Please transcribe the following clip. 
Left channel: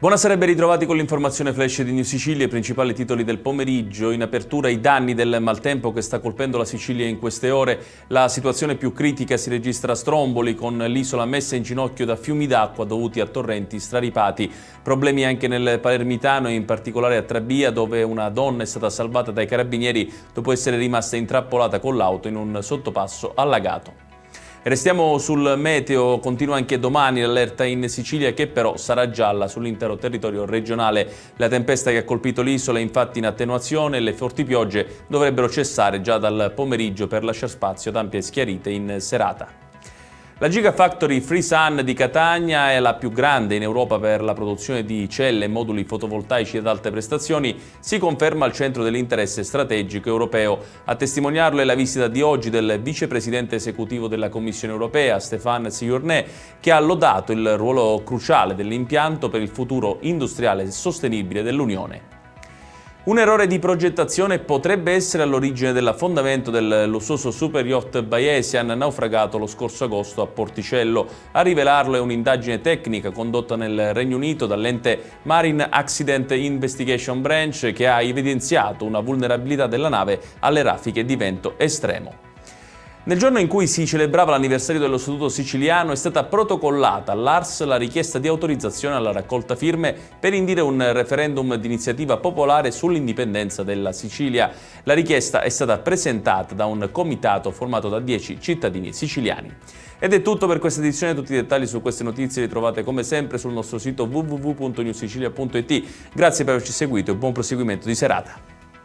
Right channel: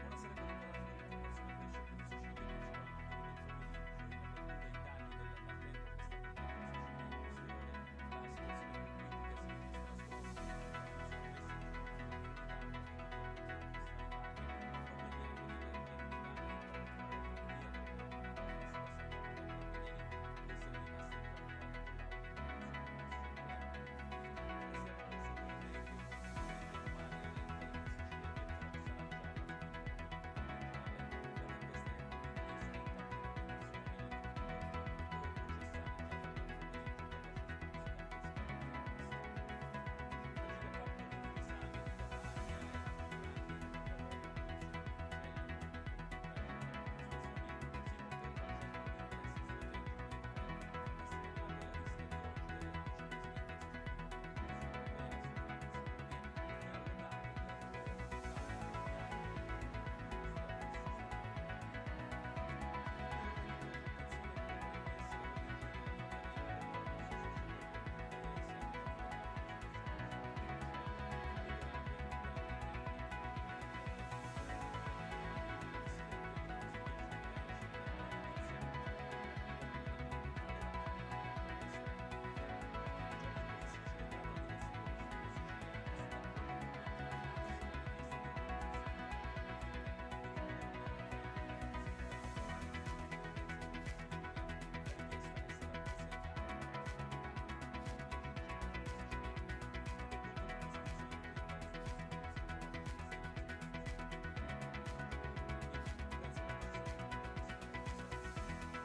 Buonasera e ben ritrovati con l'informazione flash di New Sicilia, i principali titoli del pomeriggio. In apertura i danni del maltempo che sta colpendo la Sicilia in queste ore. La situazione più critica si registra a Stromboli, con l'isola messa in ginocchio da fiumi d'acqua dovuti a torrenti straripati. Problemi anche nel Palermitano e in particolare a Trabia, dove una donna è stata salvata dai carabinieri dopo essere rimasta intrappolata con l'auto in un sottopasso allagato. Restiamo sul meteo, continua anche domani l'allerta in Sicilia che però sarà gialla sull'intero territorio regionale. La tempesta che ha colpito l'isola è infatti in attenuazione e le forti piogge dovrebbero cessare già dal pomeriggio per lasciare spazio ad ampie schiarite in serata. La Gigafactory FreeSun di Catania è la più grande in Europa per la produzione di celle e moduli fotovoltaici ad alte prestazioni, si conferma al centro dell'interesse strategico europeo. A testimoniarlo è la visita di oggi del vicepresidente esecutivo della Commissione europea, Stéphane Séjourné, che ha lodato il ruolo cruciale dell'impianto per il futuro industriale e sostenibile dell'Unione. Un errore di progettazione potrebbe essere all'origine dell'affondamento del lussuoso super yacht Bayesian naufragato lo scorso agosto a Porticello. A rivelarlo è un'indagine tecnica condotta nel Regno Unito dall'ente Marine Accident Investigation Branch, che ha evidenziato una vulnerabilità della nave alle raffiche di vento estremo. Nel giorno in cui si celebrava l'anniversario dello Statuto siciliano è stata protocollata all'ARS la richiesta di autorizzazione alla raccolta firme per indire un referendum d'iniziativa popolare sull'indipendenza della Sicilia. La richiesta è stata presentata da un comitato formato da 10 cittadini siciliani. Ed è tutto per questa edizione, tutti i dettagli su queste notizie li trovate come sempre sul nostro sito www.newsicilia.it. Grazie per averci seguito e buon proseguimento di serata.